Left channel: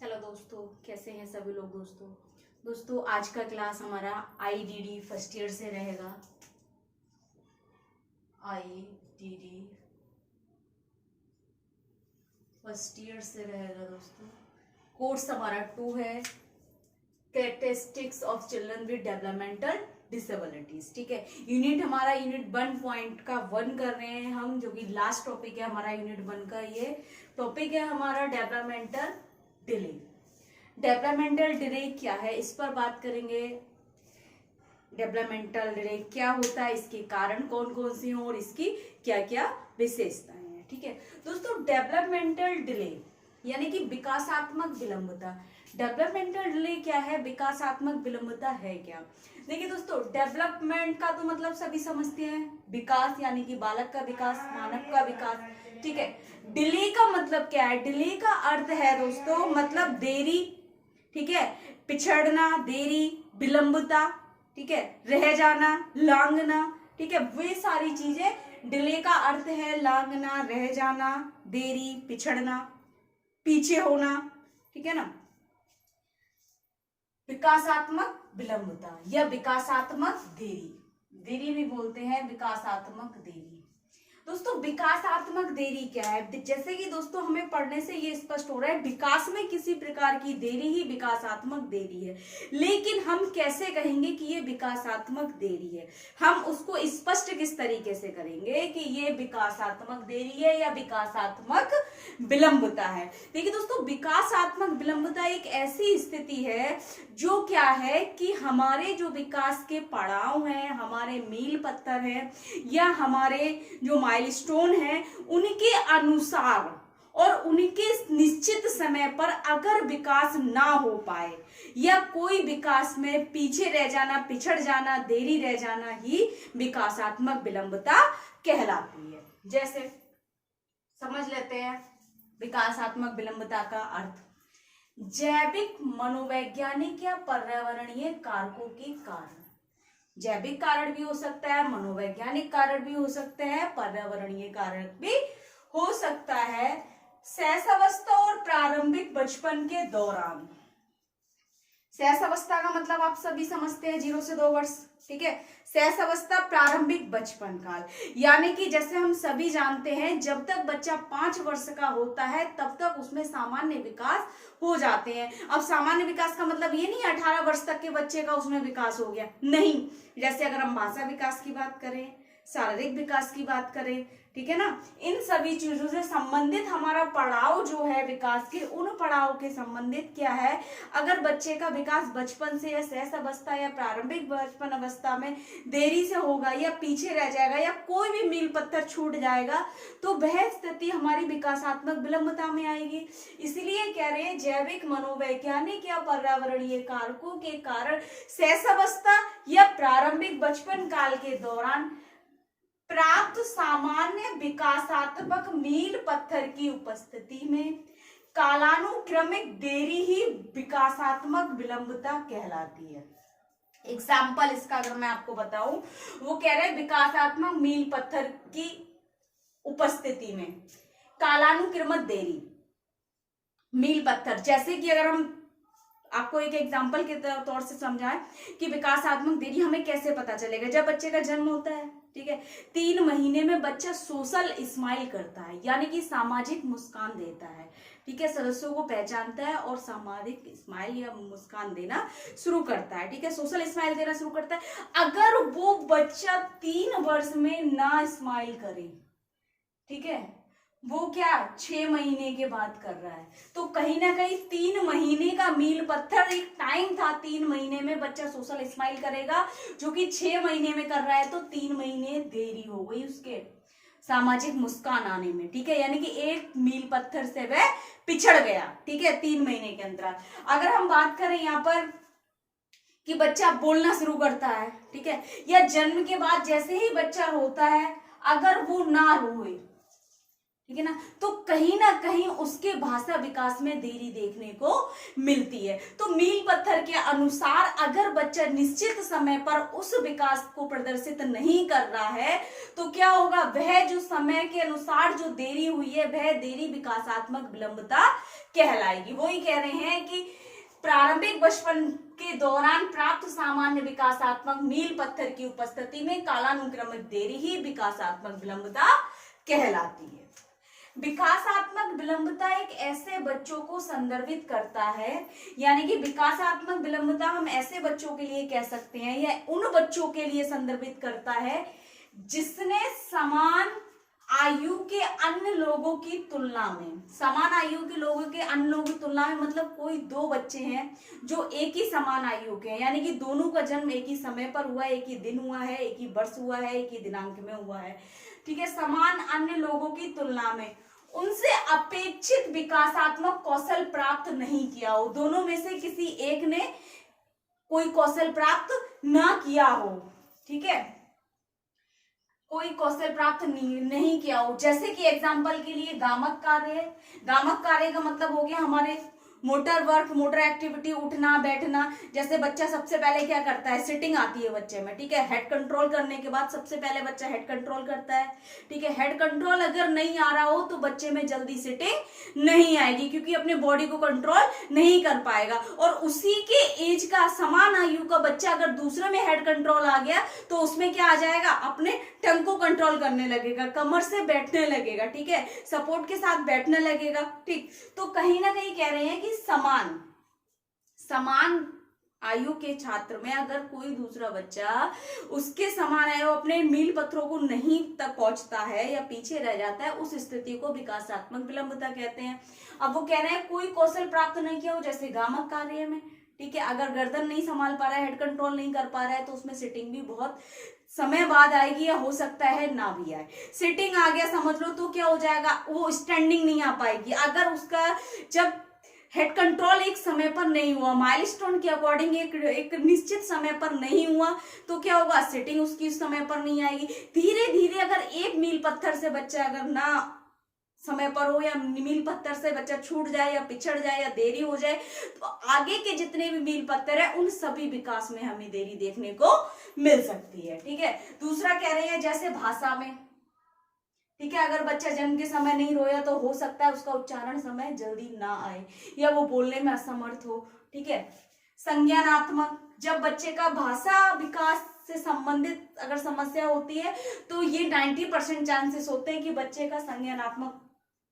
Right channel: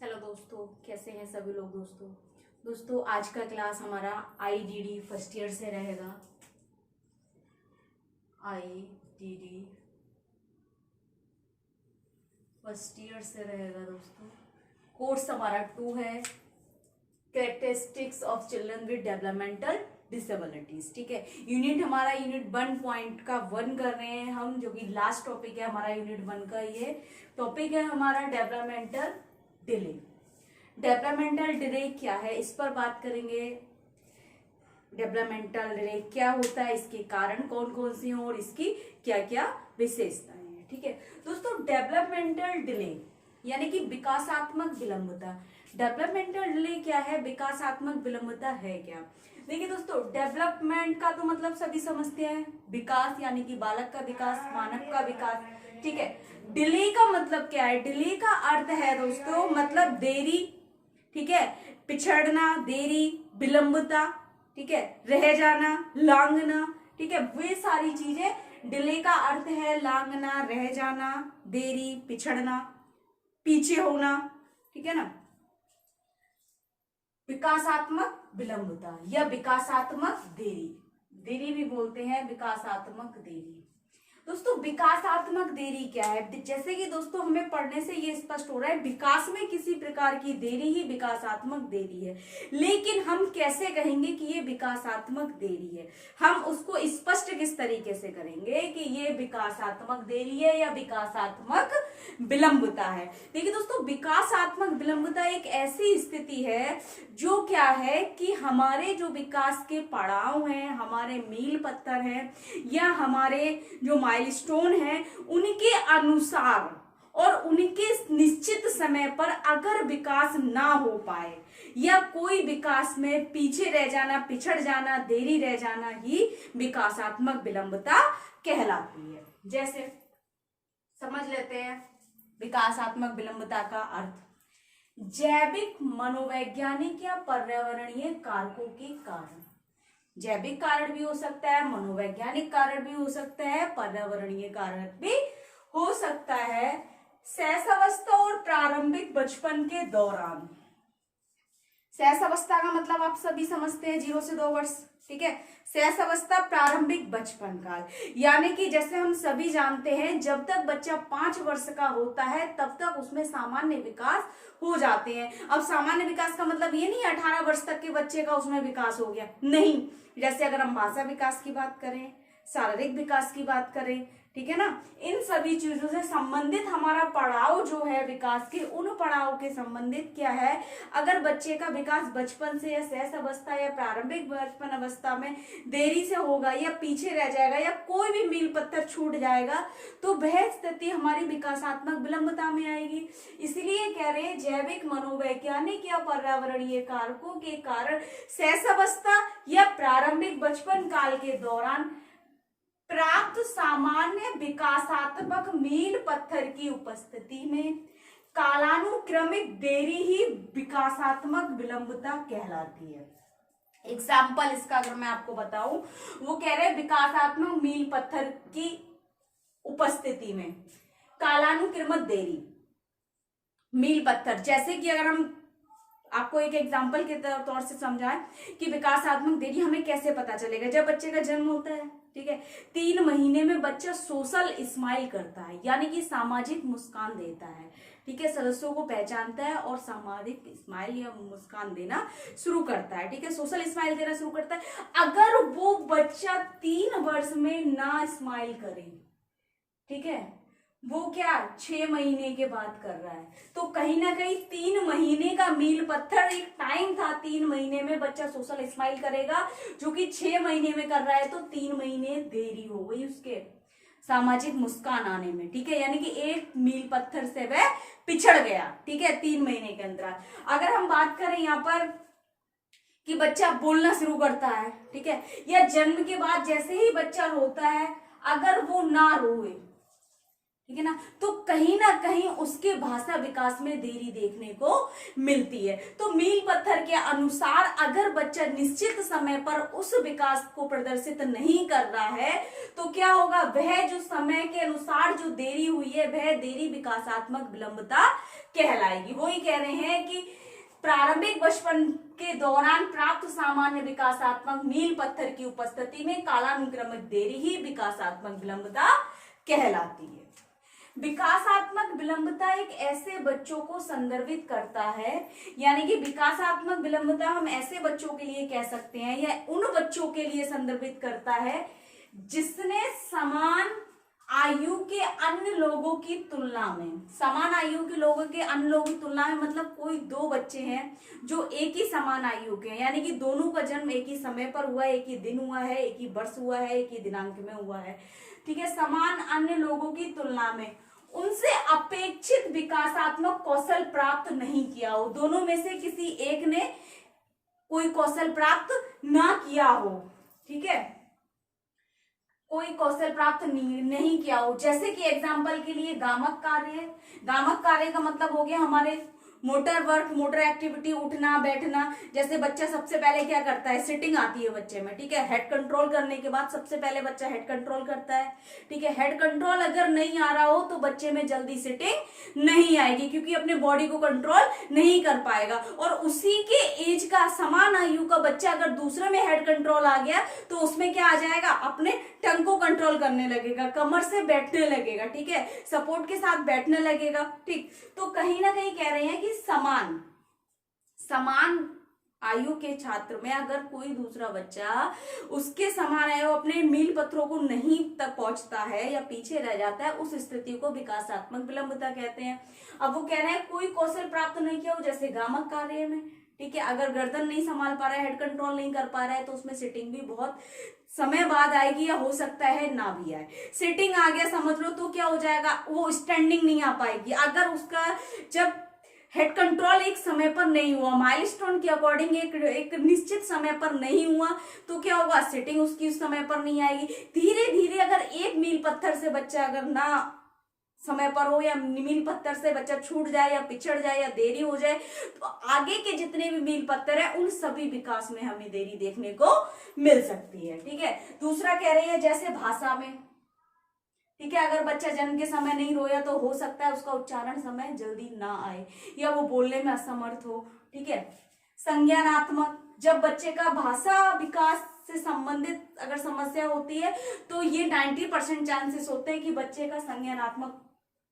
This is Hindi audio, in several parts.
हेलो दोस्तों, कैसे हैं सभी लोग। दोस्तों आज का क्लास हमारा आईडीडी फर्स्ट ईयर से रहेगा। आईडीडी फर्स्ट ईयर से रहेगा दोस्तों। कोर्स हमारा 2 है, characteristics of children with developmental disabilities. ठीक है, यूनिट हमारा यूनिट 1.1 कर रहे हैं हम, जो कि लास्ट टॉपिक है हमारा यूनिट 1 का। ये टॉपिक है हमारा डेवलपमेंटल डिले। डेवलपमेंटल डिले क्या है, इस पर बात करेंगे। डेवलपमेंटल डिले क्या होता है, इसके कारण कौन कौन से हैं और इसकी क्या क्या विशेषताएं हैं। ठीक है दोस्तों, डेवलपमेंटल डिले यानी कि विकासात्मक विलंबता। डेवलपमेंटल डिले क्या है, विकासात्मक विलंबता है क्या। देखिए दोस्तों, डेवलपमेंट का तो मतलब सभी समझते हैं, विकास यानी कि बालक का विकास, मानव का विकास। ठीक है, डिले का मतलब क्या है, डिले का अर्थ है दोस्तों मतलब देरी। ठीक है, पिछड़ना, देरी, विलंबता। ठीक है, रह जाना, लांघना। ठीक है, वे सारी चीजें डिले का अर्थ है। लांघना, रह जाना, देरी, पिछड़ना, पीछे होना। ठीक है ना, विकासात्मक विलंबता या विकासात्मक देरी, देरी भी बोलते हैं, विकासात्मक देरी। दोस्तों विकासात्मक देरी क्या है, जैसे कि दोस्तों हमें पढ़ने से ये स्पष्ट हो रहा है, विकास में किसी प्रकार की देरी ही विकासात्मक देरी है। लेकिन हम कैसे कहेंगे कि ये विकासात्मक देरी है, हम उसको स्पष्ट किस तरीके से करेंगे कि ये विकासात्मक देरी है या विकासात्मक विलंबता है। देखिए दोस्तों, विकासात्मक विलंबता एक ऐसी स्थिति है जो क्या है कि हमारे जो विकास के पड़ाव हैं, हमारे मील पत्थर हैं या हमारे जो माइलस्टोन है, उनके अनुसार और उनके निश्चित समय पर अगर विकास ना हो पाए या कोई विकास में पीछे रह जाना, पिछड़ जाना, देरी रह जाना ही विकासात्मक विलंबता कहलाती है। जैसे समझ लेते हैं विकासात्मक विलंबता का अर्थ। जैविक, मनोवैज्ञानिक या पर्यावरणीय कारकों के कारण। जैविक कारण भी हो सकता है, मनोवैज्ञानिक कारण भी हो सकता है, पर्यावरणीय कारण भी हो सकता है। शैशवावस्था और प्रारंभिक बचपन के दौरान। शैशवावस्था का मतलब आप सभी समझते हैं, 0 से 2 वर्ष। ठीक है, शैशवावस्था प्रारंभिक बचपन काल, यानी कि जैसे हम सभी जानते हैं जब तक बच्चा 5 वर्ष का होता है तब तक उसमें सामान्य विकास हो जाते हैं। अब सामान्य विकास का मतलब ये नहीं 18 वर्ष तक के बच्चे का उसमें विकास हो गया, नहीं। जैसे अगर हम भाषा विकास की बात करें, शारीरिक विकास की बात करें, ठीक है ना, इन सभी चीजों से संबंधित हमारा पड़ाव जो है विकास के, उन पड़ाव के संबंधित क्या है, अगर बच्चे का विकास बचपन से या शैशवावस्था या प्रारंभिक बचपन अवस्था में देरी से होगा या पीछे रह जाएगा या कोई भी मील पत्थर छूट जाएगा तो वह स्थिति हमारी विकासात्मक विलंबता में आएगी। इसलिए कह रहे हैं जैविक, मनोवैज्ञानिक या पर्यावरणीय कारकों के कारण शैशवावस्था या प्रारंभिक बचपन काल के दौरान प्राप्त सामान्य विकासात्मक मील पत्थर की उपस्थिति में कालानुक्रमिक देरी ही विकासात्मक विलंबता कहलाती है। एग्जाम्पल इसका अगर मैं आपको बताऊं, वो कह रहे हैं विकासात्मक मील पत्थर की उपस्थिति में कालानुक्रमिक देरी मील पत्थर। जैसे कि अगर हम आपको एक एग्जाम्पल के तौर से समझाएं कि विकासात्मक देरी हमें कैसे पता चलेगा, जब बच्चे का जन्म होता है, ठीक है, 3 महीने में बच्चा सोशल स्माइल करता है, यानी कि सामाजिक मुस्कान देता है। ठीक है, सदस्यों को पहचानता है और सामाजिक स्माइल या मुस्कान देना शुरू करता है। ठीक है, सोशल स्माइल देना शुरू करता है। अगर वो बच्चा 3 वर्ष में ना स्माइल करे, ठीक है, वो क्या 6 महीने के बाद कर रहा है, तो कहीं ना कहीं 3 महीने का मील पत्थर एक टाइम था, 3 महीने में बच्चा सोशल स्माइल करेगा, जो कि 6 महीने में कर रहा है तो 3 महीने देरी हो गई उसके सामाजिक मुस्कान आने में। ठीक है, यानी कि एक मील पत्थर से वह पिछड़ गया। ठीक है, 3 महीने के अंतराल। अगर हम बात करें यहाँ पर कि बच्चा बोलना शुरू करता है, ठीक है, या जन्म के बाद जैसे ही बच्चा रोता है, अगर वो ना रोए, ठीक है ना, तो कहीं ना कहीं उसके भाषा विकास में देरी देखने को मिलती है। तो मील पत्थर के अनुसार अगर बच्चा निश्चित समय पर उस विकास को प्रदर्शित नहीं कर रहा है तो क्या होगा, वह जो समय के अनुसार जो देरी हुई है वह देरी विकासात्मक विलंबता कहलाएगी। वही कह रहे हैं कि प्रारंभिक बचपन के दौरान प्राप्त सामान्य विकासात्मक मील पत्थर की उपस्थिति में कालानुक्रमिक देरी ही विकासात्मक विलंबता कहलाती है। विकासात्मक विलंबता एक ऐसे बच्चों को संदर्भित करता है, यानी कि विकासात्मक विलंबता हम ऐसे बच्चों के लिए कह सकते हैं या उन बच्चों के लिए संदर्भित करता है जिसने समान आयु के अन्य लोगों की तुलना में, समान आयु के लोगों के अन्य लोगों की तुलना में मतलब कोई दो बच्चे हैं जो एक ही समान आयु के हैं, यानी कि दोनों का जन्म एक ही समय पर हुआ है, एक ही दिन हुआ है, एक ही वर्ष हुआ है, एक ही दिनांक में हुआ है, ठीक है। समान अन्य लोगों की तुलना में उनसे अपेक्षित विकासात्मक कौशल प्राप्त नहीं किया हो, दोनों में से किसी एक ने कोई कौशल प्राप्त ना किया हो, ठीक है, कोई कौशल प्राप्त नहीं किया हो। जैसे कि एग्जाम्पल के लिए गामक कार्य है। गामक कार्य का मतलब हो गया हमारे मोटर वर्क, मोटर एक्टिविटी, उठना बैठना। जैसे बच्चा सबसे पहले क्या करता है, सिटिंग आती है बच्चे में, ठीक है। हेड कंट्रोल करने के बाद सबसे पहले बच्चा हेड कंट्रोल करता है, ठीक है। हेड कंट्रोल अगर नहीं आ रहा हो तो बच्चे में जल्दी सिटिंग नहीं आएगी, क्योंकि अपने बॉडी को कंट्रोल नहीं कर पाएगा। और उसी के एज का, समान आयु का बच्चा अगर दूसरे में हेड कंट्रोल आ गया तो उसमें क्या आ जाएगा, अपने टंग को कंट्रोल करने लगेगा, कमर से बैठने लगेगा, ठीक है, सपोर्ट के साथ बैठने लगेगा, ठीक। तो कहीं ना कहीं कह रहे हैं कि समान आयु के छात्र में अगर कोई दूसरा बच्चा उसके समान है, वो अपने मील पत्थरों को नहीं तक पहुंचता है या पीछे रह जाता है, उस स्थिति को विकासात्मक विलंबता कहते हैं। अब वो कह रहे हैं कोई कौशल प्राप्त नहीं किया हो, जैसे गामक कार्य में, ठीक है, अगर गर्दन नहीं संभाल पा रहा है, हेड कंट्रोल नहीं कर पा रहा है, तो उसमें सिटिंग भी बहुत समय बाद आएगी या हो सकता है ना भी आए। सिटिंग आ गया समझ लो तो क्या हो जाएगा, वो स्टैंडिंग नहीं आ पाएगी। अगर उसका जब हेड कंट्रोल एक समय पर नहीं हुआ, माइलस्टोन के अकॉर्डिंग एक निश्चित समय पर नहीं हुआ, तो क्या होगा, सिटिंग उसकी उस समय पर नहीं आएगी। धीरे धीरे अगर एक मील पत्थर से बच्चा अगर ना समय पर हो, या मील पत्थर से बच्चा छूट जाए या पिछड़ जाए या देरी हो जाए, तो आगे के जितने भी मील पत्थर है उन सभी विकास में हमें देरी देखने को मिल सकती है, ठीक है। दूसरा कह रहे हैं जैसे भाषा में, ठीक है, अगर बच्चा जन्म के समय नहीं रोया तो हो सकता है उसका उच्चारण समय जल्दी ना आए या वो बोलने में असमर्थ हो, ठीक है। संज्ञानात्मक, जब बच्चे का भाषा विकास से संबंधित अगर समस्या होती है तो ये 90% चांसेस होते हैं कि बच्चे का संज्ञानात्मक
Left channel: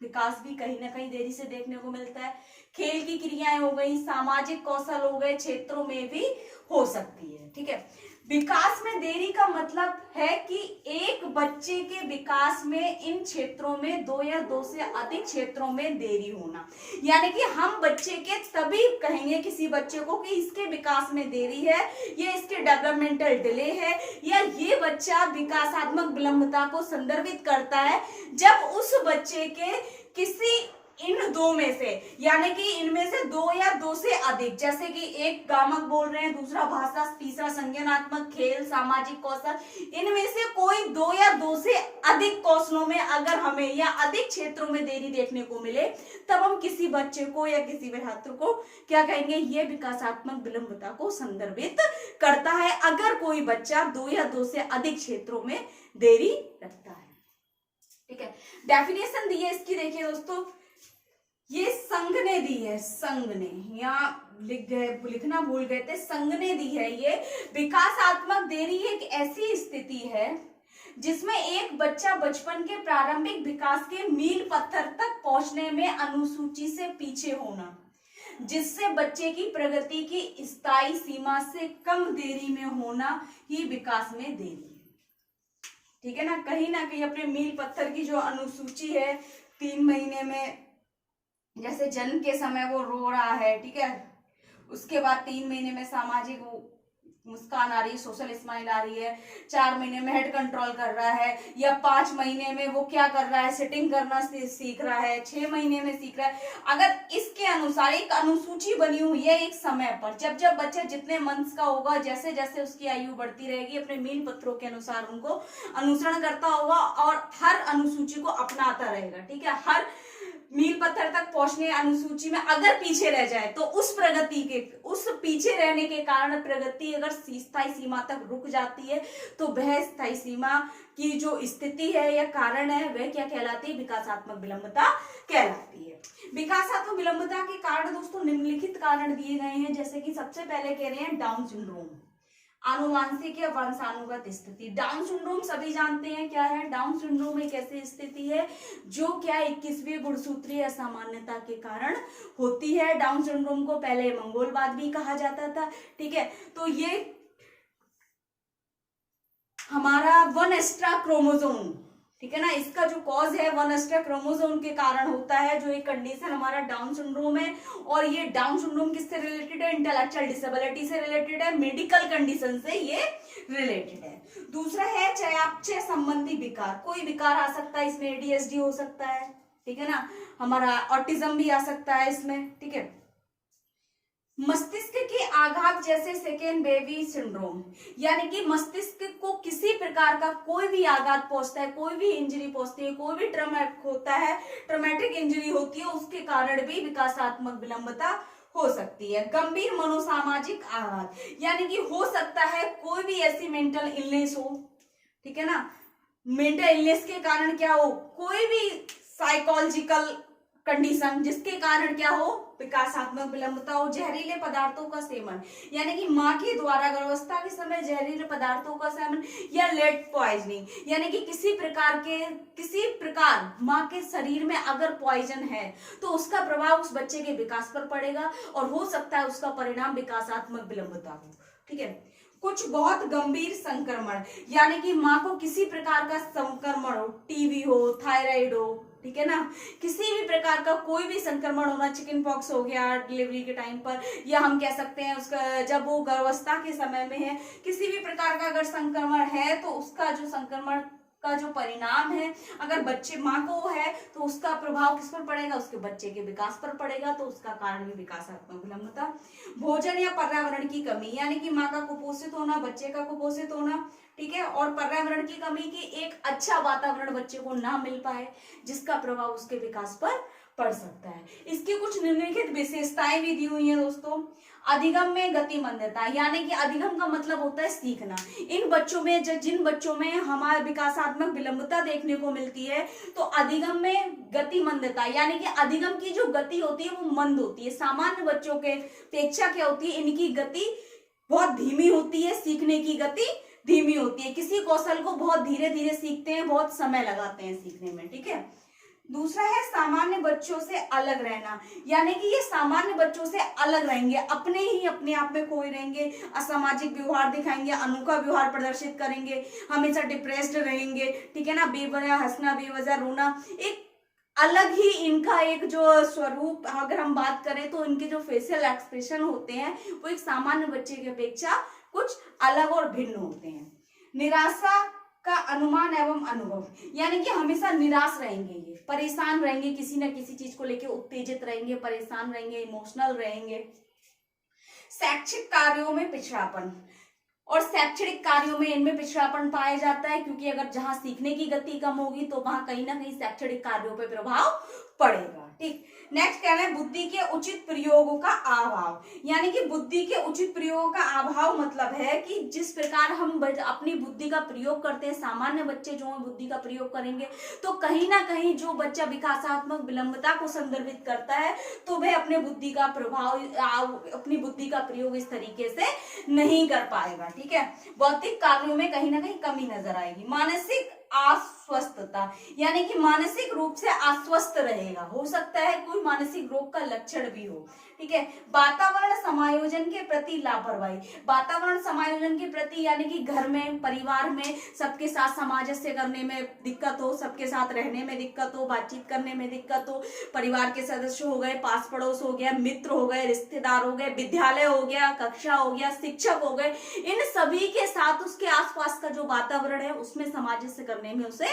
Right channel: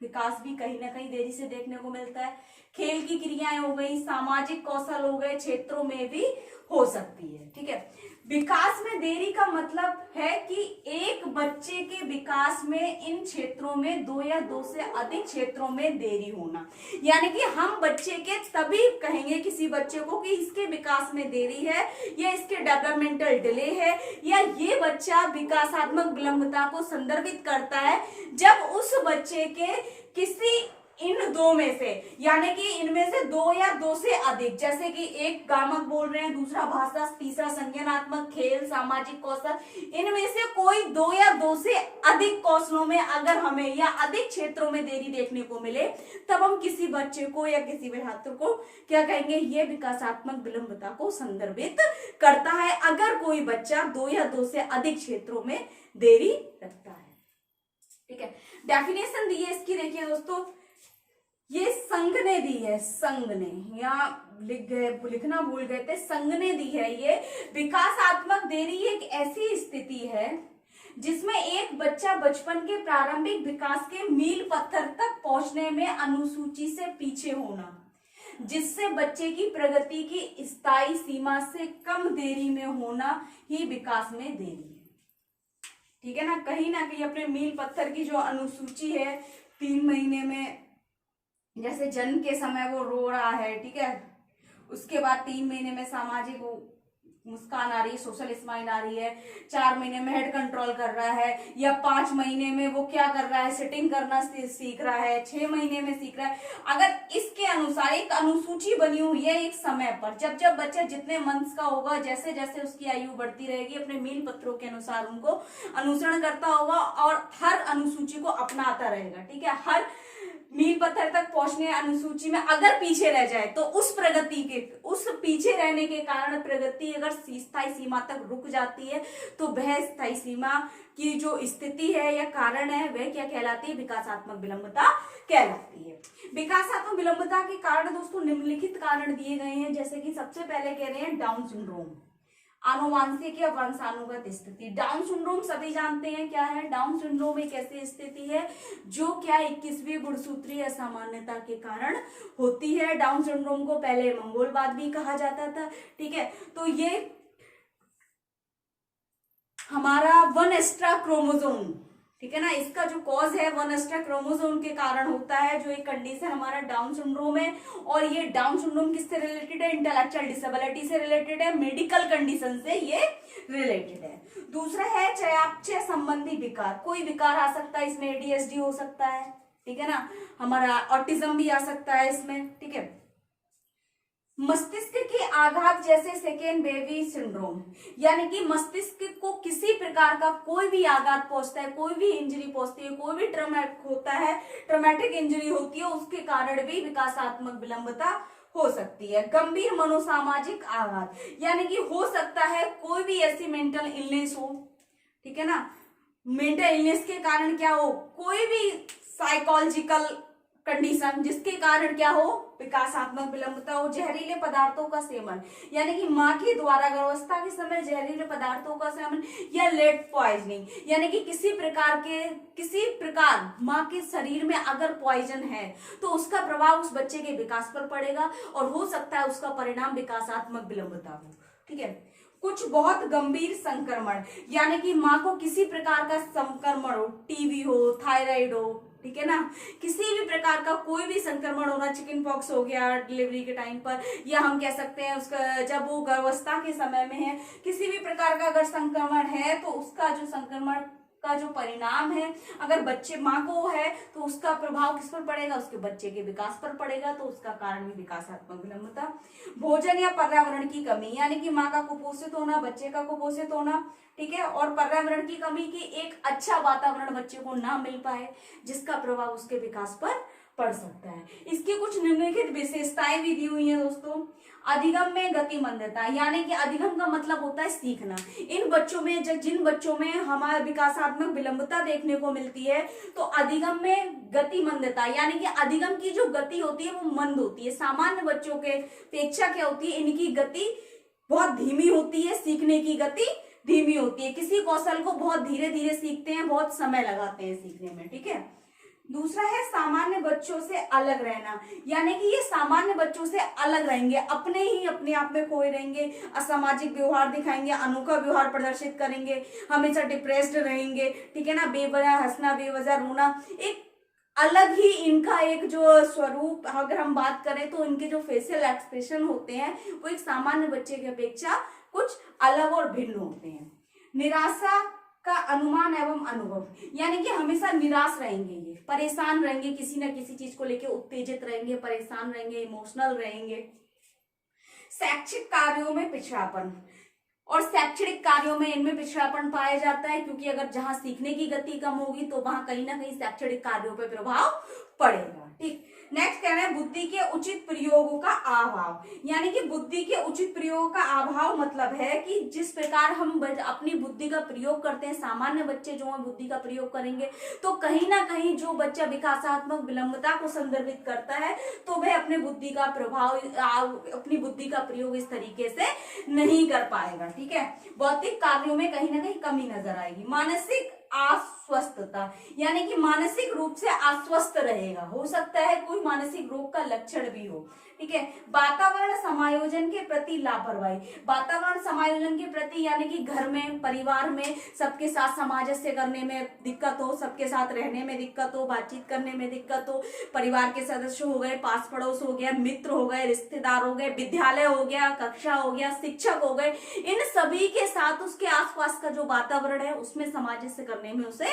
विकास भी कहीं ना कहीं देरी से देखने को मिलता है। खेल की क्रियाएं हो गई, सामाजिक कौशल हो गए, क्षेत्रों में भी हो सकती है, ठीक है। विकास में देरी का मतलब है कि एक बच्चे के विकास में इन क्षेत्रों में दो या दो से अधिक क्षेत्रों में देरी होना, यानी कि हम बच्चे के तभी कहेंगे किसी बच्चे को कि इसके विकास में देरी है, या इसके डेवलपमेंटल डिले है, या ये बच्चा विकासात्मक विलंबता को संदर्भित करता है जब उस बच्चे के किसी इन दो में से, यानी कि इनमें से दो या दो से अधिक, जैसे कि एक गामक बोल रहे हैं, दूसरा भाषा, तीसरा संज्ञानात्मक, खेल, सामाजिक कौशल, इनमें से कोई दो या दो से अधिक कौशलों में अगर हमें या अधिक क्षेत्रों में देरी देखने को मिले, तब हम किसी बच्चे को या किसी छात्र को क्या कहेंगे, ये विकासात्मक विलंबता को संदर्भित करता है अगर कोई बच्चा दो या दो से अधिक क्षेत्रों में देरी रखता है, ठीक है। डेफिनेशन दी है इसकी, देखिए दोस्तों, ये संघ ने दी है, संघ ने, यहाँ लिखना भूल गए थे, संघ ने दी है। ये विकासात्मक देरी एक ऐसी स्थिति है जिसमें एक बच्चा बचपन के प्रारंभिक विकास के मील पत्थर तक पहुंचने में अनुसूची से पीछे होना, जिससे बच्चे की प्रगति की स्थायी सीमा से कम देरी में होना ही विकास में देरी है, ठीक है ना कहीं अपने मील पत्थर की जो अनुसूची है, 3 महीने में जैसे जन्म के समय वो रो रहा है, ठीक है, उसके बाद 3 महीने में सामाजिक मुस्कान आ रही है, सोशल स्माइल आ रही है, 4 महीने में हेड कंट्रोल कर रहा है, या 5 महीने में वो क्या कर रहा है, सिटिंग करना सीख रहा है, 6 महीने में सीख रहा है। अगर इसके अनुसार एक अनुसूची बनी हुई है एक समय पर, जब जब बच्चा जितने मंथ्स का होगा, जैसे जैसे उसकी आयु बढ़ती रहेगी, अपने मील पत्रों के अनुसार उनको अनुसरण करता होगा और हर अनुसूची को अपनाता रहेगा, ठीक है। हर मील पत्थर तक पहुंचने अनुसूची में अगर पीछे रह जाए तो उस पीछे रहने के कारण प्रगति अगर स्थायी सीमा तक रुक जाती है तो वह स्थायी सीमा की जो स्थिति है या कारण है वह क्या कहलाती है? विकासात्मक विलंबता कहलाती है। विकासात्मक विलंबता के कारण दोस्तों निम्नलिखित कारण दिए गए हैं, जैसे कि सबसे पहले कह रहे हैं डाउन सिंड्रोम, आनुवांशिक या वंशानुगत स्थिति। डाउन सिंड्रोम सभी जानते हैं क्या है? डाउन सिंड्रोम एक ऐसी स्थिति है जो क्या 21वीं गुणसूत्रीय असामान्यता के कारण होती है। डाउन सिंड्रोम को पहले मंगोलवाद भी कहा जाता था, ठीक है। तो ये हमारा वन एक्स्ट्रा क्रोमोसोम, ठीक है ना, इसका जो कॉज है वन एक्स्ट्रा क्रोमोसोम के कारण होता है, जो एक कंडीशन हमारा डाउन सिंड्रोम है। और ये डाउन सिंड्रोम किससे रिलेटेड है? इंटेलेक्चुअल डिसेबिलिटी से रिलेटेड है, मेडिकल कंडीशन से ये रिलेटेड है। दूसरा है चयापचय संबंधी विकार, कोई विकार आ सकता है इसमें, एडीएचडी हो सकता है, ठीक है ना, हमारा ऑटिज्म भी आ सकता है इसमें, ठीक है। मस्तिष्क के आघात जैसे सेकेंड बेबी सिंड्रोम, यानी कि मस्तिष्क को किसी प्रकार का कोई भी आघात पहुंचता है, कोई भी इंजरी पहुंचती है, कोई भी ट्रॉमेटिक होता है, ट्रॉमेटिक इंजरी होती है, उसके कारण भी विकासात्मक विलंबता हो सकती है। गंभीर मनोसामाजिक आघात, यानी कि हो सकता है कोई भी ऐसी मेंटल इलनेस हो, ठीक है ना, मेंटल इलनेस के कारण क्या हो, कोई भी साइकोलॉजिकल कंडीशन जिसके कारण क्या हो, विकासात्मक विलंबता हो। जहरीले पदार्थों का सेवन, यानी कि मां के द्वारा गर्भावस्था के समय जहरीले पदार्थों का सेवन, या लेड पॉइजनिंग, यानी कि किसी प्रकार मां के शरीर में अगर पॉइजन है तो उसका प्रभाव उस बच्चे के विकास पर पड़ेगा और हो सकता है उसका परिणाम विकासात्मक विलंबता हो, ठीक है। कुछ बहुत गंभीर संक्रमण, यानी कि मां को किसी प्रकार का संक्रमण हो, टीबी हो, थायराइड हो, ठीक है ना, किसी भी प्रकार का कोई भी संक्रमण होना, चिकन पॉक्स हो गया डिलीवरी के टाइम पर, या हम कह सकते हैं उसका जब वो गर्भावस्था के समय में है, किसी भी प्रकार का अगर संक्रमण है तो उसका जो संक्रमण का जो परिणाम है अगर बच्चे मां को है तो उसका प्रभाव किस पर पड़ेगा, उसके बच्चे के विकास पर पड़ेगा, तो उसका कारण भी विकासात्मक विलंबता। भोजन या पर्यावरण की कमी, यानी कि मां का कुपोषित होना, बच्चे का कुपोषित होना, ठीक है, और पर्यावरण की कमी की एक अच्छा वातावरण बच्चे को ना मिल पाए जिसका प्रभाव उसके विकास पर पड़ सकता है। इसकी कुछ निम्नलिखित विशेषताएं भी दी हुई हैं दोस्तों। अधिगम में गति मंदता, यानी कि अधिगम का मतलब होता है सीखना। इन बच्चों में जिन बच्चों में हमारे विकासात्मक विलंबता देखने को मिलती है तो अधिगम में गति मंदता, यानी कि अधिगम की जो गति होती है वो मंद होती है। सामान्य बच्चों के अपेक्षा क्या होती है, इनकी गति बहुत धीमी होती है, सीखने की गति धीमी होती है। किसी कौशल को बहुत धीरे धीरे सीखते हैं, बहुत समय लगाते हैं सीखने में, ठीक है। दूसरा है सामान्य बच्चों से अलग रहना, यानी कि ये सामान्य बच्चों से अलग रहेंगे, अपने आप में खोए रहेंगे, असामाजिक व्यवहार दिखाएंगे, अनोखा व्यवहार प्रदर्शित करेंगे, हमेशा डिप्रेस्ड रहेंगे, ठीक है ना, बेवजह हंसना, बेवजह रोना, एक अलग ही इनका एक जो स्वरूप, अगर हम बात करें तो इनके जो फेशियल एक्सप्रेशन होते हैं वो एक सामान्य बच्चे की अपेक्षा कुछ अलग और भिन्न होते हैं। निराशा का अनुमान एवं अनुभव, यानी कि हमेशा निराश रहेंगे, ये परेशान रहेंगे, किसी न किसी चीज को लेकर उत्तेजित रहेंगे, परेशान रहेंगे, इमोशनल रहेंगे। शैक्षिक कार्यों में पिछड़ापन, और शैक्षणिक कार्यों में इनमें पिछड़ापन पाया जाता है क्योंकि अगर जहां सीखने की गति कम होगी तो वहां कहीं ना कहीं शैक्षणिक कार्यों पर प्रभाव पड़ेगा, ठीक। नेक्स्ट कहना है बुद्धि के उचित प्रयोगों का अभाव, यानी कि बुद्धि के उचित प्रयोगों का अभाव मतलब है कि जिस प्रकार हम अपनी बुद्धि का प्रयोग करते हैं, सामान्य बच्चे जो है बुद्धि का प्रयोग करेंगे तो कहीं ना कहीं जो बच्चा विकासात्मक विलंबता को संदर्भित करता है तो वह अपने बुद्धि का प्रयोग इस तरीके से नहीं कर पाएगा, ठीक है। भौतिक कार्यों में कहीं ना कहीं कमी नजर आएगी। मानसिक अस्वस्थता, यानी कि मानसिक रूप से अस्वस्थ रहेगा, हो सकता है कोई मानसिक रोग का लक्षण भी हो, ठीक है। वातावरण समायोजन के प्रति लापरवाही, वातावरण समायोजन के प्रति यानी कि घर में, परिवार में सबके साथ सामंजस्य करने में दिक्कत हो, सबके साथ रहने में दिक्कत हो, बातचीत करने में दिक्कत हो, परिवार के सदस्य हो गए, पास पड़ोस हो गया, मित्र हो गए, रिश्तेदार हो गए, विद्यालय हो गया, कक्षा हो गया, शिक्षक हो गए, इन सभी के साथ उसके आसपास का जो वातावरण है उसमें सामंजस्य करने में उसे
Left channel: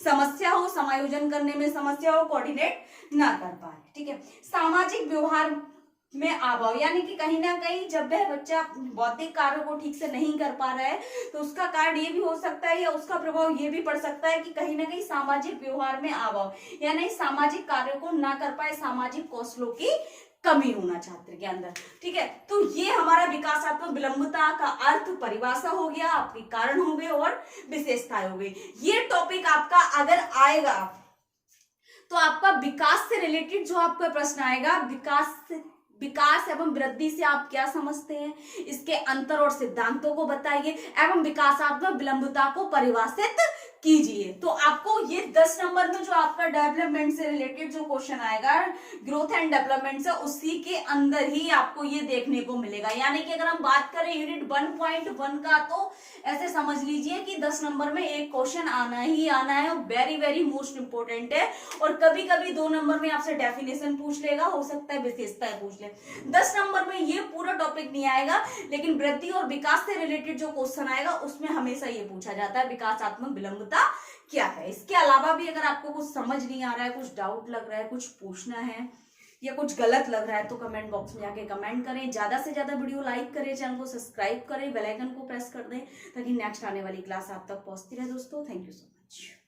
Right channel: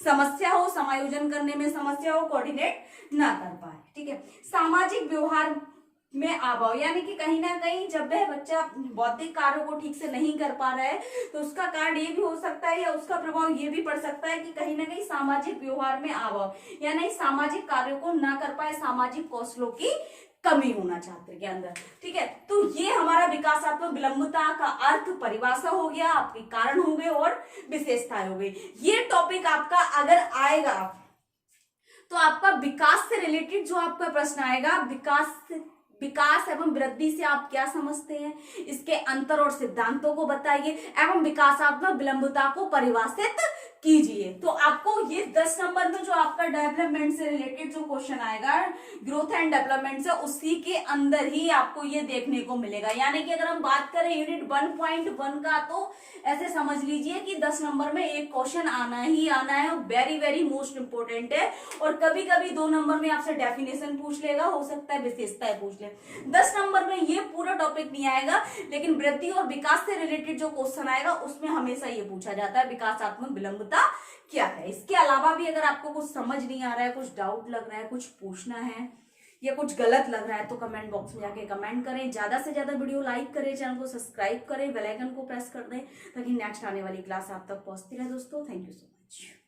समस्या हो, समायोजन करने में समस्या हो, कोऑर्डिनेट ना कर पाए, ठीक है। सामाजिक व्यवहार में अभाव, यानी कि कहीं ना कहीं जब वह बच्चा बौद्धिक कार्यों को ठीक से नहीं कर पा रहा है तो उसका कारण ये भी हो सकता है या उसका प्रभाव ये भी पड़ सकता है कि कहीं ना कहीं सामाजिक व्यवहार में अभाव, यानी सामाजिक कार्यों को ना कर पाए, सामाजिक कौशलों की कमी होना छात्र के अंदर। ठीक है, तो ये हमारा विकासात्मक विलंबता का अर्थ परिभाषा हो गया, आपके कारण हो गए और विशेषताएं हो गई। ये टॉपिक आपका अगर आएगा तो आपका विकास से रिलेटेड जो आपका प्रश्न आएगा, विकास एवं वृद्धि से आप क्या समझते हैं, इसके अंतर और सिद्धांतों को बताइए एवं विकासात्मक विलंबता को परिभाषित कीजिए। तो आपको ये 10 नंबर में जो आपका डेवलपमेंट से रिलेटेड जो क्वेश्चन आएगा, ग्रोथ एंड डेवलपमेंट से, उसी के अंदर ही आपको ये देखने को मिलेगा। यानी कि अगर हम बात करें यूनिट 1.1 का, तो ऐसे समझ लीजिए कि 10 नंबर में एक क्वेश्चन आना ही आना है, वेरी वेरी मोस्ट इंपोर्टेंट है। और कभी कभी 2 नंबर में आपसे डेफिनेशन पूछ लेगा, हो सकता है विशेषताएं पूछ ले। 10 नंबर में ये पूरा टॉपिक नहीं आएगा, लेकिन वृद्धि और विकास से रिलेटेड जो क्वेश्चन आएगा उसमें हमेशा ये पूछा जाता है विकासात्मक विलंबता क्या है। इसके अलावा भी अगर आपको कुछ समझ नहीं आ रहा है, कुछ डाउट लग रहा है, कुछ पूछना है या कुछ गलत लग रहा है, तो कमेंट बॉक्स में जाके कमेंट करें। ज्यादा से ज्यादा वीडियो लाइक करें, चैनल को सब्सक्राइब करें, बेल आइकन को प्रेस कर दें ताकि नेक्स्ट आने वाली क्लास आप तक पहुंचती रहे। दोस्तों, थैंक यू सो मच।